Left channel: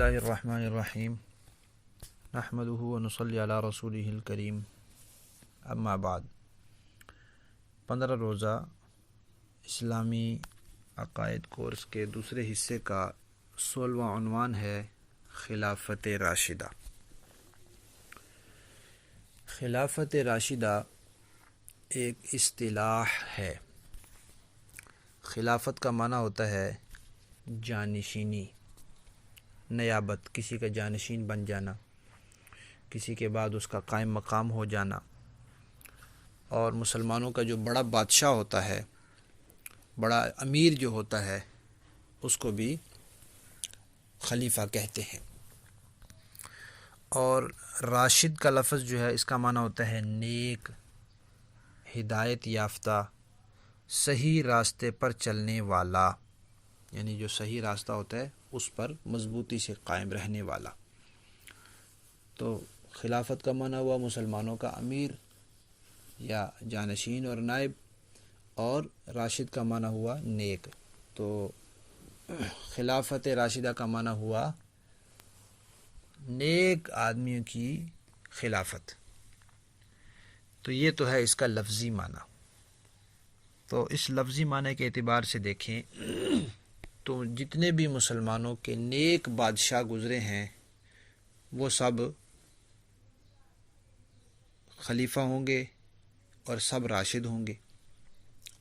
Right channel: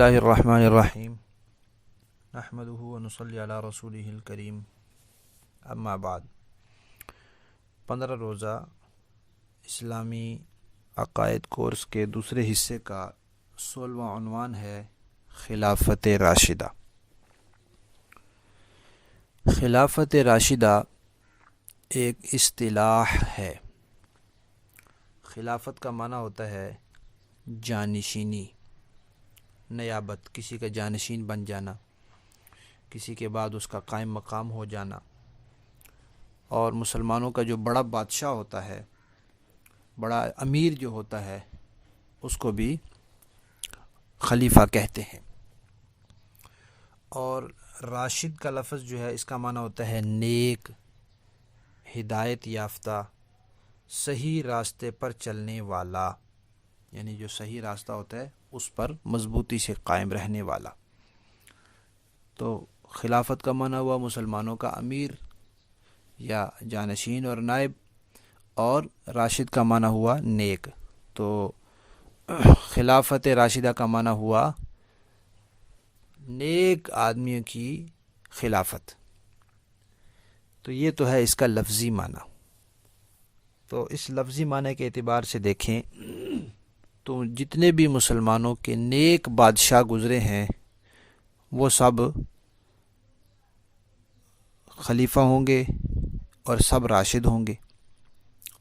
اللہ الرحمن الرحیم نحمدہ ونصلی علی رسولہ الکریم اما بعد 15 روزہ اسلامی عقائد کورس کے دوسرے حصے کا 16واں عنوان ہے خلافت راشدہ۔ خلافت راشدہ ایک اصطلاح ہے۔ خلافت کا معنی ہوتا ہے جانشینی، نیابت، کسی کا جانشین بن جانا، کسی کے بعد اس کا قائم مقام ہو جانا، اور مسلمانوں کا جو بڑا بادشاہ ہوتا ہے، بڑا امیر جو ہوتا ہے، اس کو بھی خلیفہ کہتے ہیں۔ اور راشد کا لفظ جو ہے اس کا معنی ہوتا ہے نیک، ہدایت یافتہ، صحیح راستے پر چلنے والا، یعنی جو صحیح راستہ ہوتا ہے اس پر مضبوطی سے قائم رہنے والا۔ تو خلافت کا معنی ہوا مسلمانوں کا امیر یا جانشین اور نائب، اور راشد کا معنی ہوا نیک۔ تو خلافت راشدہ کا معنی ہوا نیک آدمیوں کی خلافت۔ تو یہ تو ہے اس کا لفظی معنی۔ تو اس لفظی معنی کے اعتبار سے دیکھیں تو جتنے بھی مسلمانوں کے نیک بادشاہ گزرے ہیں وہ سب خلیفہ ہوں گے اور سب راشد ہوں گے۔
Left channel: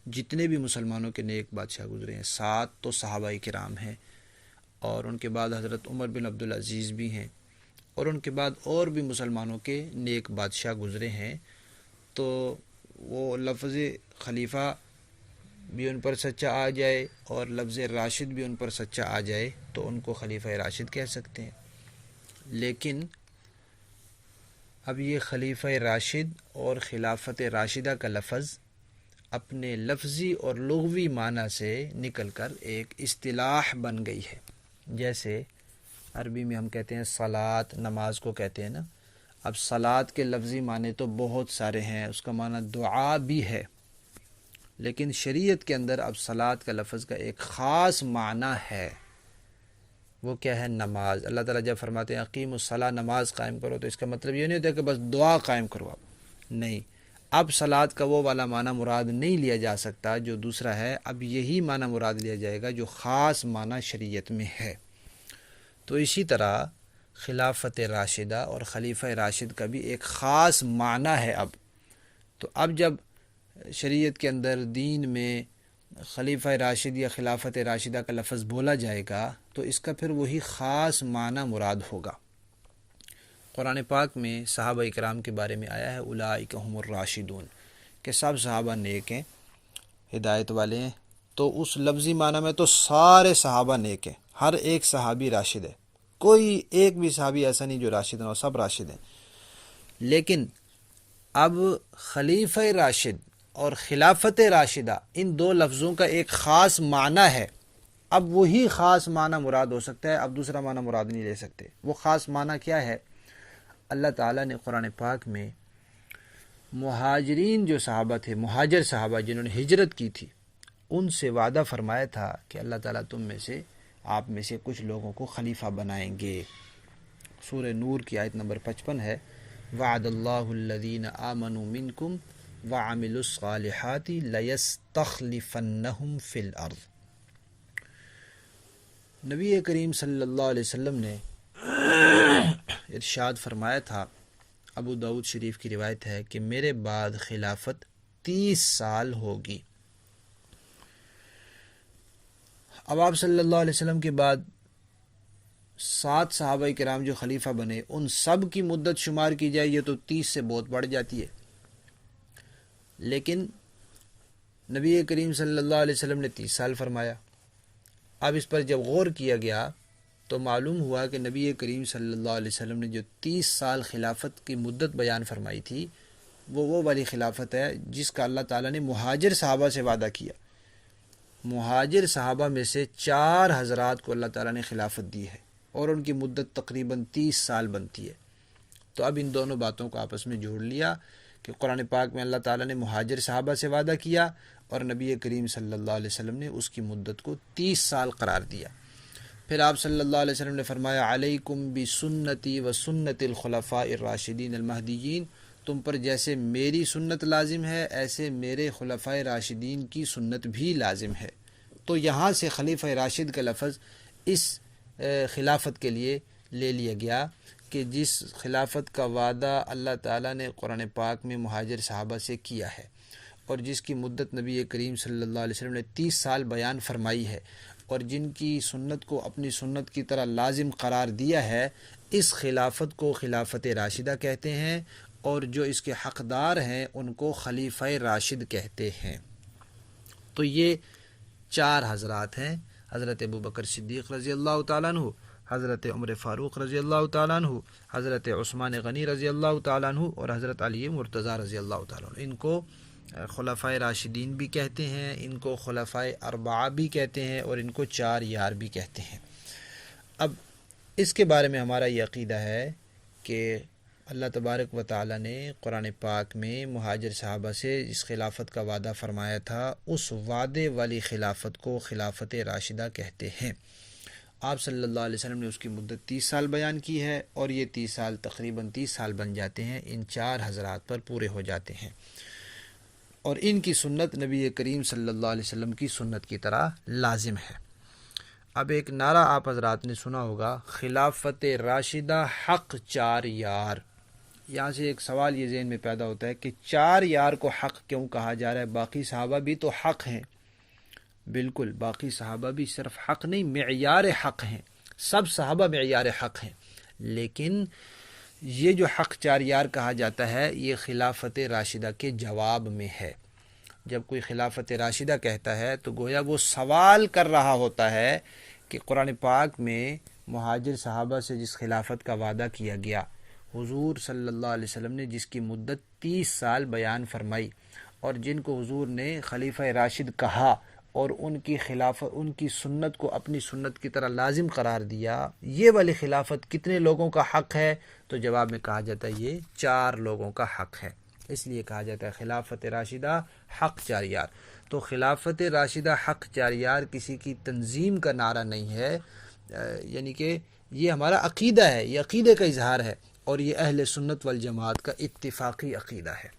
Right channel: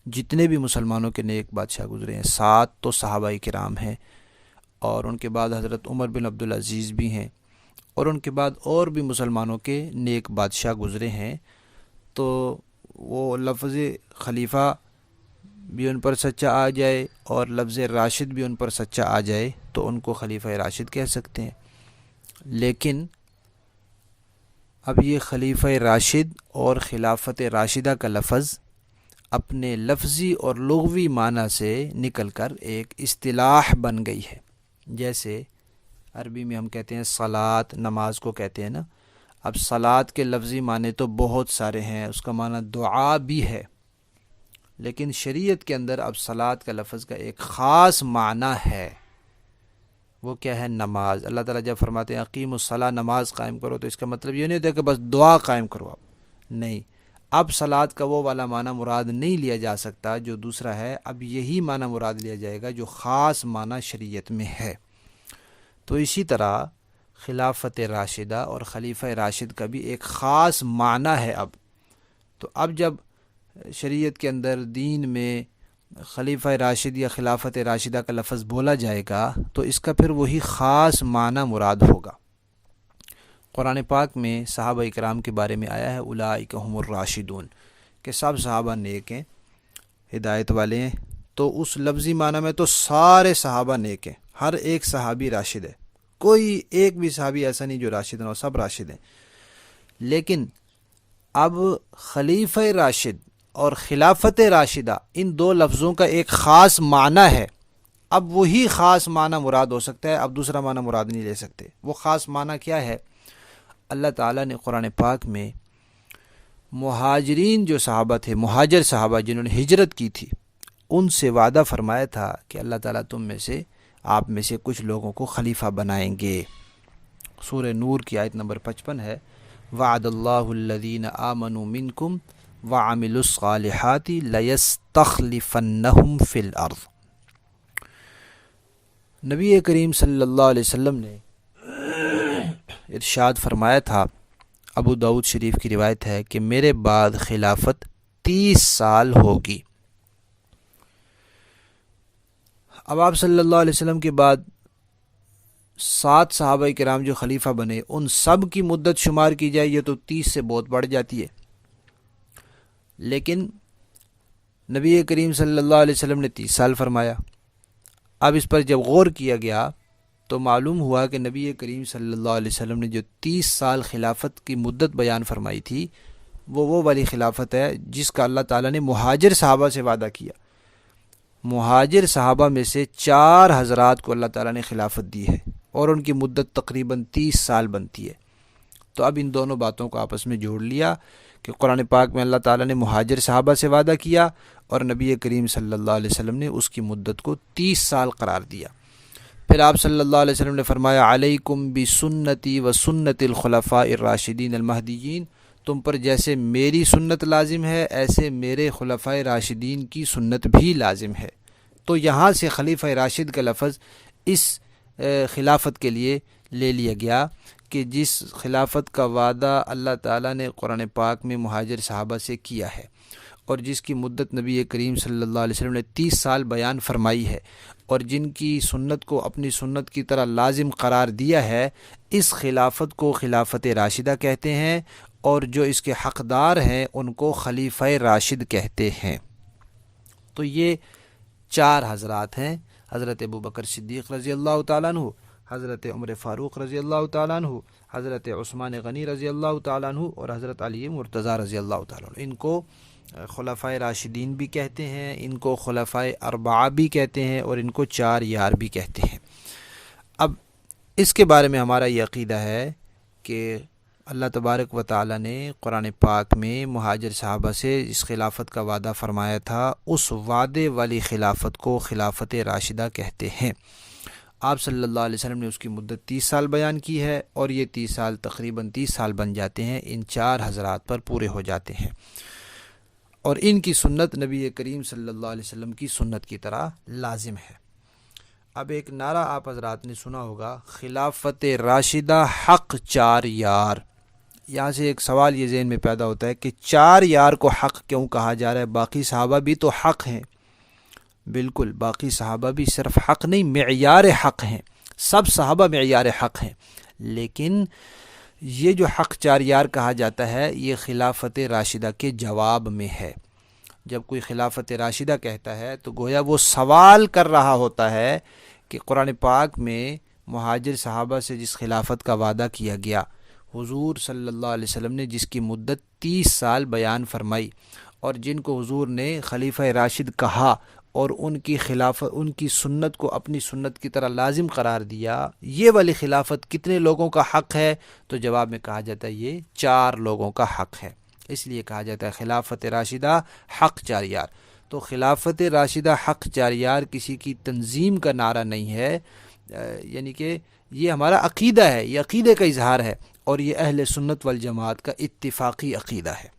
جتنے بھی مسلمانوں کے نیک بادشاہ گزرے ہیں، 7 تو صحابہ کرام ہیں، اور ان کے بعد حضرت عمر بن عبدالعزیز بھی ہیں، اور ان کے بعد اور بھی مسلمانوں کے نیک بادشاہ گزرے ہیں۔ تو وہ لفظ خلیفہ بھی ان پر سچا آ جائے اور لفظ راشد بھی ان پر سچا آ جائے تو ان کو خلیفہ راشد کہہ سکتے ہیں۔ لیکن اب یہ خلیفہ راشد اور خلافت راشدہ کا لفظ اپنے لفظی اور لغوی معنی سے نکل کر ایک اصطلاح بن گئی ہے۔ جیسے عربی میں ہم کہتے ہیں صلاۃ، نماز کو کہتے ہیں نا۔ اب صلاۃ کے لفظی معنی تو بہت سارے ہیں، اس کا معنی دعا بھی ہے، لیکن شریعت کے اندر اب صلاۃ کا لفظ کا ایک خاص معنی ہے۔ وہ کیا ہے؟ نماز۔ اللہ تعالیٰ جب فرماتے ہیں اقیم الصلاۃ، نماز قائم کرو، تو اس کا مطلب یہ نہیں ہوتا کہ بس دعا قائم کرو آپ، نہیں۔ اب صلاۃ کا وہ والا معنی مراد نہیں لیا جا سکتا جو دوسرا ہے، اب یہی معنی مراد لیا جائے گا جو خاص معنی شریعت میں ہے۔ تو اسی طرح خلافت راشدہ اور خلیفہ راشد کا بھی ایک خاص معنی ہے اب۔ تو اب جب شریعت کے اندر دین میں خلیفہ راشد یا خلافت راشدہ کا لفظ بولا جائے گا تو اس کا پھر وہی خاص معنی مراد ہوگا۔ قرآن پاک میں صحابہ اکرام کے بارے میں آیا ہے اولئک هم الراشدون، کہ سب صحابہ نیک ہیں، ہدایت والے ہیں۔ تو اس لفظی معنی میں تو سارے صحابہ نیک ہیں، ہر ایک صحابی راشد ہے، کوئی ایک بھی صحابی ایسا نہیں جو راشد نہ ہو، سب راشد ہیں۔ لیکن اب خلیفہ راشد اور خلافت راشدہ، ان دو لفظوں کا ایک خاص معنی ہے۔ اب وہی خاص معنی مراد ہو سکتا ہے، اب دوسرا معنی مراد نہیں لے سکتے۔ وہ خاص معنی کیا ہے؟ اللہ تعالیٰ نے قرآن پاک میں مہاجرین جو صحابہ تھے، مہاجر صحابہ جنہوں نے ہجرت کی تھی، ان سے وعدہ فرمایا تھا کہ اللہ تعالیٰ تم میں سے، آپ میں سے کچھ لوگوں کو خلیفہ بنائیں گے۔ سورہ نور کی آیت نمبر 55 ہے، وعد اللہ الذین آمنوا منکم وعملوا الصالحات لیستخلفنہم فی الارض۔ نبی کریم صلی اللہ علیہ وسلم نے ارشاد فرمایا تھا، ابو داؤد شریف کی روایت ہے کہ میرے بعد خلافت 30 سال ہوگی۔ اب آپ صلی اللہ علیہ وسلم کے بعد 7 صحابہ کرام جو خلیفہ بنے، ان سب کی مدت شمار کی جائے یہ تو 30 سے بہت بڑھ جاتی ہے۔ لیکن نبی کریم صلی اللہ علیہ وسلم نے 30 سال فرمایا۔ اب اس پر جب غور کیا گیا تو معلوم ہوا کہ نبی کریم صلی اللہ علیہ وسلم نے جو 30 سال خلافت کی مدت بیان فرمائی تھی وہ والی خلافت ہے جس کا اللہ تعالیٰ نے مہاجر صحابہ سے وعدہ کیا۔ مہاجر صحابہ میں سے 4 حضرات کو اللہ تعالیٰ نے خلافت دی ہے، اور ان کی مدت تقریباً 30 سال بنتی ہے۔ تو اب ان دونوں باتوں کو آپس میں جوڑ لیا کہ قرآن پاک میں اللہ تعالیٰ نے مہاجر صحابہ سے وعدہ کیا اور نبی کریم صلی اللہ علیہ وسلم نے اس کی مدت کو 30 سال قرار دیا۔ پھر آپ صلی اللہ علیہ وسلم نے فرمایا علیکم بسنتی و سنت الخلفاء الراشدین المہدیین، تم پر جیسے میری سنت لازم ہے ایسے میرے خلفاء راشدین کی سنت بھی لازم ہے۔ تو یہاں سے خلیفہ راشد کا لفظ اس خلافت کے لیے لے لیا گیا کہ جس خلافت کا وعدہ اللہ تعالیٰ نے قرآن پاک میں مہاجر صحابہ سے کیا ہے، اور جس کی مدت نبی کریم صلی اللہ علیہ وسلم نے 30 سال بیان فرمائی ہے، اور جن کی سنت کو اپنی سنت کی طرح لازم قرار دیا ہے، اس خلافت کو خلافت راشدہ کہتے ہیں، اور جو اس کے حقدار ہیں ان کو خلیفہ راشد کہتے ہیں۔ تو یہ 4 حضرات ہیں، حضرت ابوبکر صدیق رضی اللہ تعالیٰ عنہ، حضرت عمر فاروق رضی اللہ تعالیٰ عنہ، حضرت عثمان غنی رضی اللہ تعالیٰ عنہ، اور حضرت علی مرتضیٰ رضی اللہ تعالیٰ عنہ۔ ان کو خلفائے راشدین بھی کہتے ہیں، ان کو خلفائے اربعہ بھی کہتے ہیں، اور ان کو 4 یار بھی کہتے ہیں۔ اب اس کے بارے میں ہمارا یہ عقیدہ ہے کہ اللہ تبارک و تعالیٰ نے قرآن پاک میں مہاجر صحابہ سے اس خلافت کا وعدہ فرمایا تھا، اس وعدے والی خلافت کو خلافت راشدہ کہتے ہیں۔ آپ صلی اللہ علیہ وسلم نے اس کی مدت 30 سال بیان کی ہے، اور یہ 30 سال تقریباً 30 سال بن جاتے ہیں، ان 4 حضرات پر پورے ہو جاتے ہیں، اور ان کی سنت نبی کریم صلی اللہ علیہ وسلم کی سنت کی طرح لازم ہے۔ اب ایک نعرہ آپ حضرات نے سنا ہوگا، خلافت راشدہ حق 4 یار۔ یہاں سے ایک سوال یہ ذہن میں پیدا ہوتا ہے کہ 4 یار کو حق کیوں کہا جا رہا ہے؟ باقی صحابہ بھی تو حق ہیں۔ بالکل، باقی صحابہ بھی صرف حق نہیں، معیار حق ہیں، سب صحابہ معیار حق ہیں، لیکن یہ جو حق 4 یار کہا جاتا ہے یہ خلافت راشدہ کے جواب میں ہے۔ جب کوئی خلافت راشدہ کہتا ہے تو گویا وہ سوال کر رہا ہوتا ہے کہ قرآن پاک میں مہاجر صحابہ سے جس خلافت کا وعدہ کیا گیا، حضور صلی اللہ علیہ وسلم نے جس کی مدت 30 سال بیان فرمائی، اور جن کو حضور نے خلیفہ راشد کہا اور ان کی سنت کو اپنی سنت کی طرح لازم قرار دیا، یہ والی خلافت کتنے لوگوں کا حق ہے؟ تو جواب میں کہا جاتا ہے یہ 4 لوگوں کا حق ہے۔ اس لیے کہا جاتا ہے خلافت راشدہ حق 4 یار۔ تو خلافت راشدہ حق 4 یار کسی کی تنظیم کا نعرہ نہیں ہے، یعنی کہ یہ ہمارا عقیدہ ہے، یہ عقیدے کا اظہار ہے، اور یہ اہل سنت والجماعت کا اتفاقی عقیدہ ہے۔